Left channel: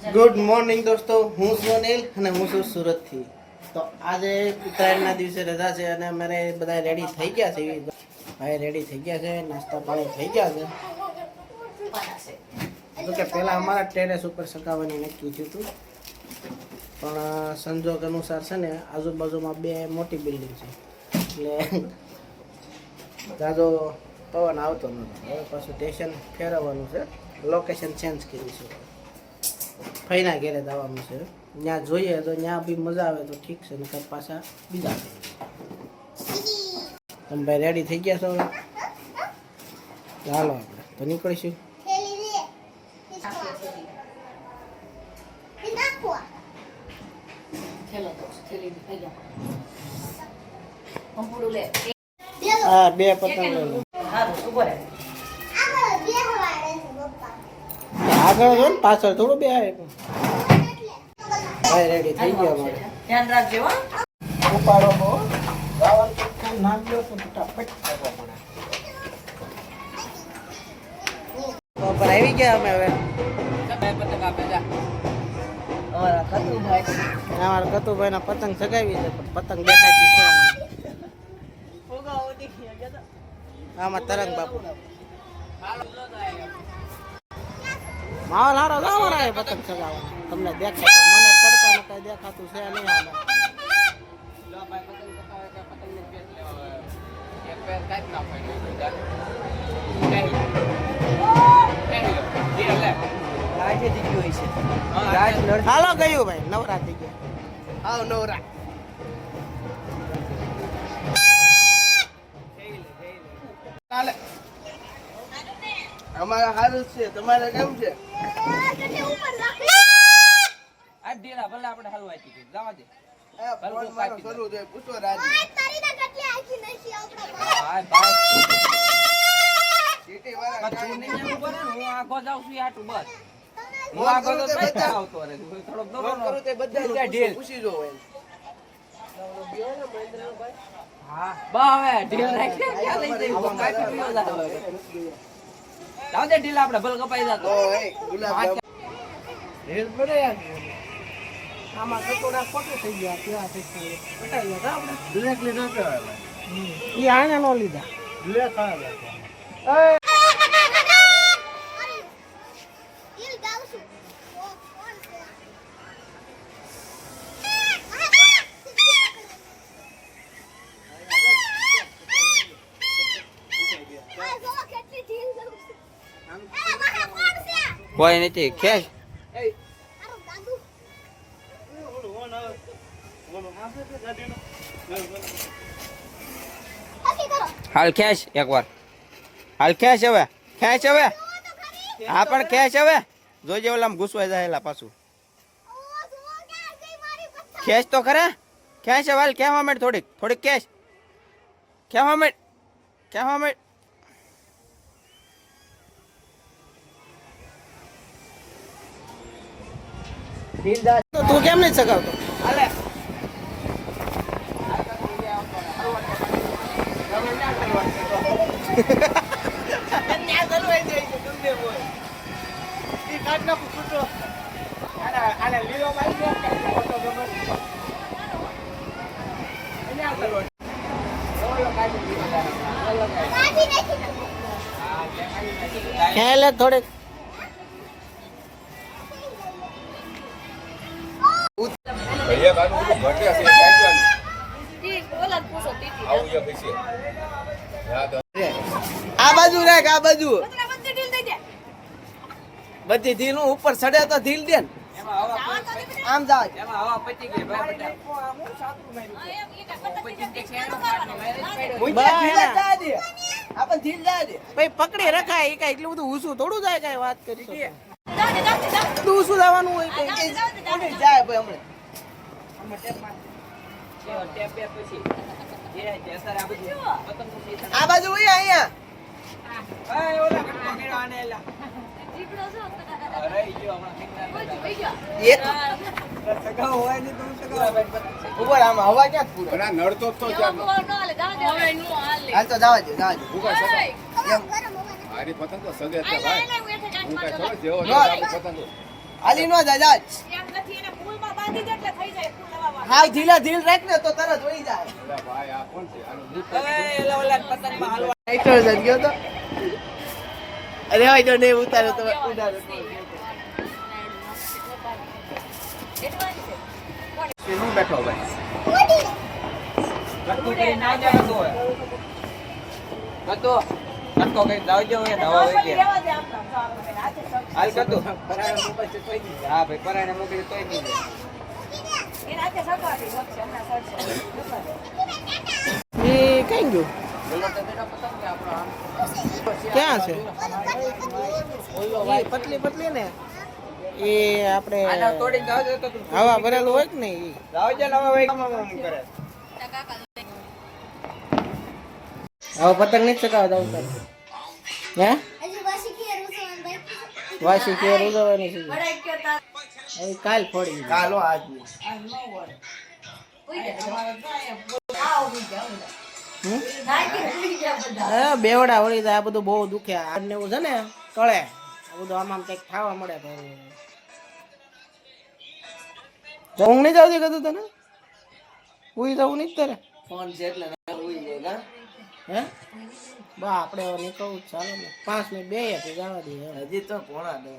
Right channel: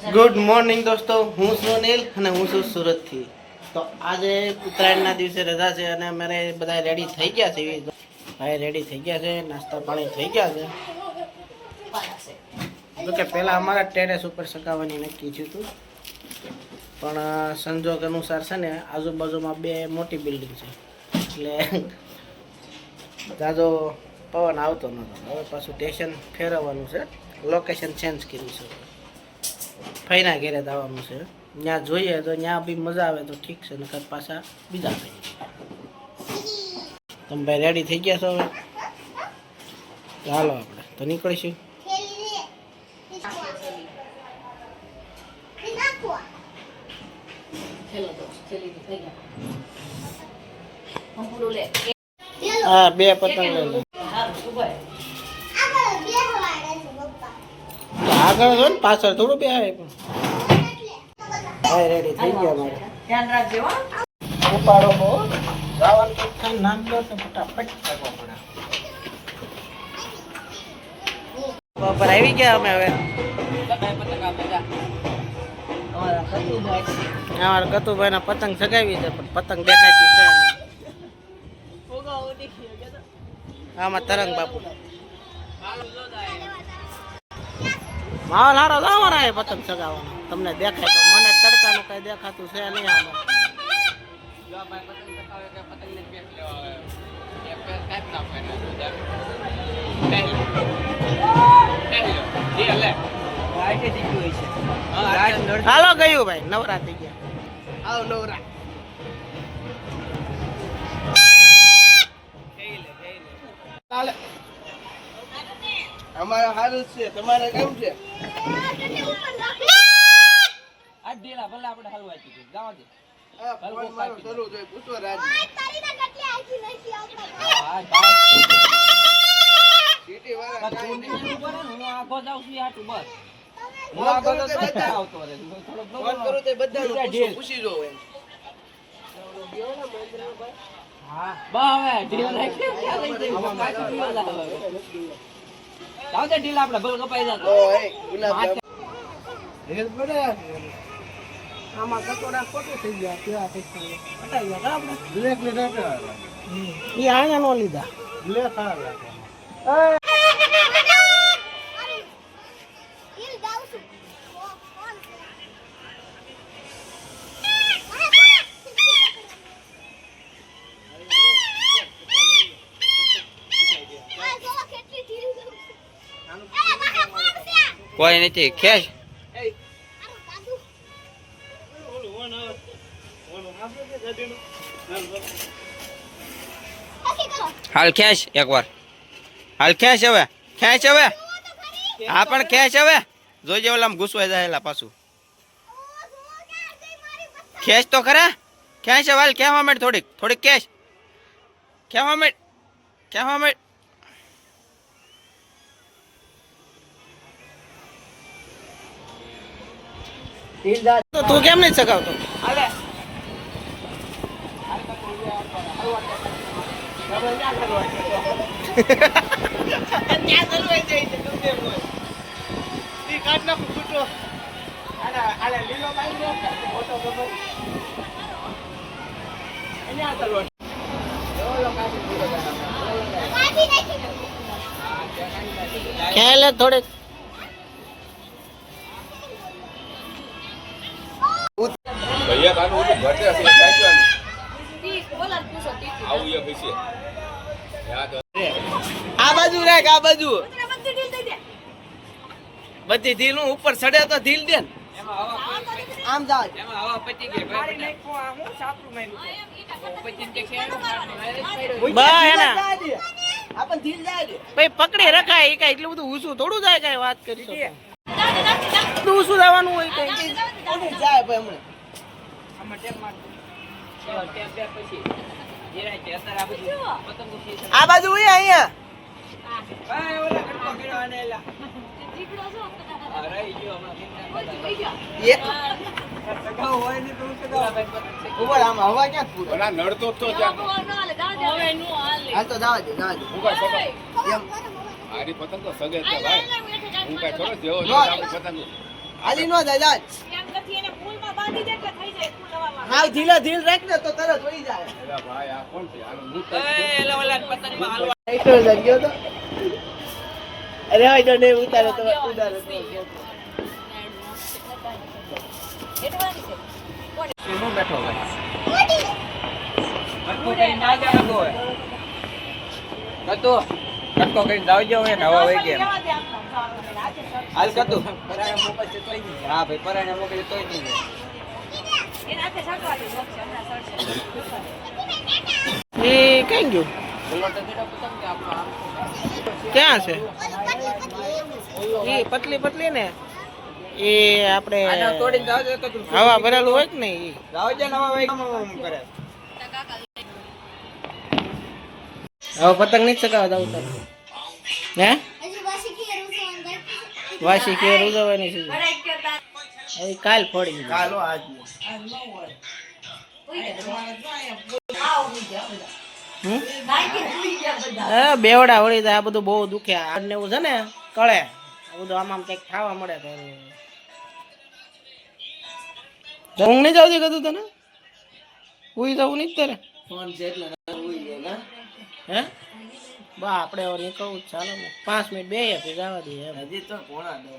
Good morning દોસ્તો, હું છું અનિલ અને હું છું સુરતથી. તો આજે ઉત્તરાયણના દિવસે રજા છે અને અમારે બધા રેડી થઈ ગયા છે. ભાઈ રેડી થઈ ગયા છે, નાસ્તા પાણી થઈ ગયા છે. તો કે પહેલાં અમારા ટેરેસ ઉપર સકાવવાની નક્કી થયું હતું, પણ સંજોગ અનુસાર છે ને આજુબાજુમાં બે મોટી બિલ્ડિંગ છે એટલે જાજો પવન આવતો નહોતો. હવે પાછું સ્ટેશન ફેરવવાનું છે, લોકેશન ચેન્જ કર્યું છે. ફઈના ઘેરે જવાનું છે, ત્યાં જોઈએ તો ત્યાં બી મજા આવે તો ઠીક છે, નકર પાછા બીજા થઈ. તમે ભાઈ રેડી થઈ ગયા છો? હવે ચાલો આપણે તો નીકળીશું. હા, બે પતંગ લઈ લે. આગળ જો ને, પાછળ થોડું બે આવે. પણ ભાઈ રેડી થઈ ગયા મારે. ધ્યાન રાખજો. ઉપાડો બહુ જવાનું નામ લો તો ફટાફટ કરવો પડે. બપોર આવી ગયા અમે. હવે અમારા કતુભાઈ ના પતંગ સગાવી છે, પણ પતંગ દેખાતી છે. આમાં તરંગ બાપુ માહોલ હારો તો અમારા પતંગ સગાવવાનો. તમને દેખાય તો, મને તડકાનું કઈ દેખાતું છે નહીં. આમાં હાલો ગયું ભાઈ, નવરા થઈ ગયા. નવરા અમારા સારું છે, તમારે કેવું છે? આ ઢીલા ભલે આપણે હલવાઈ દીધું જવા દે. ઢીલા આપડે ભલ કપાઈ જતો. આમાં કટોડા ખોટું થઈ ગયા. કેવા પૈસા પટાઈ ગયા આપણે. બ્લેક લીધા એ આને નો લીધા. બ્લેક કોઈ નથી. ખેંચ હાલ, ખેંચ એકવાર. હાલ ખેંચ હવે, ખેંચ હવે. હા પણ ખેંચ હવે. જોઈજે ઓલામાં ઘૂસવાઈ જાય પાછું. ખેંચ તો ખરા. ખેંચ હવે. હાલ ખેવા માંડ. થોડીક થોડીક ખેંચ. ખેવા માંડ, ખેવા માંડ. તું કેમ નહીં સગાવતો? ખ્યાલ થોડે આ બાજુ રાખ. આ બાજુ બધી ઢીલ ઉપર ચડે તો ઢીલ દે. આમ જાવ પકડી રખાય. એ કઈ એટલું બધું ઊંચું થોડું જાય. કઈ વાત કરી શકો. ઊંચું જવાનું હોય કઈ જાય ભાઈ. આ બાજુ અહીંયા હવા ક્યાં નડતો તો પતંગ તો સગે ભાઈ. હું કઈ ખબર જેવો પતંગ હાલી નો દાદા એમ નથી એને ફૂલમાં બાંધી દે એટલે થઈ જાય ફૂલ હવામાં. હા ધીરે ધીરે રાખ ને તો તરત વહી જાય તો જજો તો અરે ભાઈ તો નહીં ઉતારે તો ઉતારે એડવાની છે. શું બેઠો ભાઈ કટકો કરી ના જાવ હોય કતો કટકો કરી જાવ જો હે દવા હોય કે લેવા દે આપણા ખાવાનું આજે હાલ કતો પરાણે મોકલ છે તોય નહીં હા ભાઈ પરાણે મોકલ તોય નહીં એને હાથે સટવા દે વચ્ચે હમણાં સટશે. એ કઈ ગયું ક્યાં છે એ પતલી પતલી ને એ આપણે આના તોડીને જાવ દે તો તું હવા ભરેલું હોય કે નહીં ઈ. જાવ જે નવા હોય કામ કરે હવે પતંગ નહીં ચગાવતા ઉતાર હે વાસી કેર ઉજવવાની છે હવે કાલ ફોડી કાલો આજ બેવડા વળી આ બધું બહુ દુખે આ ને એવું છે ને કળે આ બધું આમ કંઈક ખાવા મળે તો ઊંઘ નહીં જાવતી કદું તને ઉઈ જવું નહીં તારે ફોન છે એટલે ઉઈ જાય હે બા આપણે હવે નીકળવું ચાલો ને 5 મિનિટ બે જવા દઈએ હજી તો પોણા 10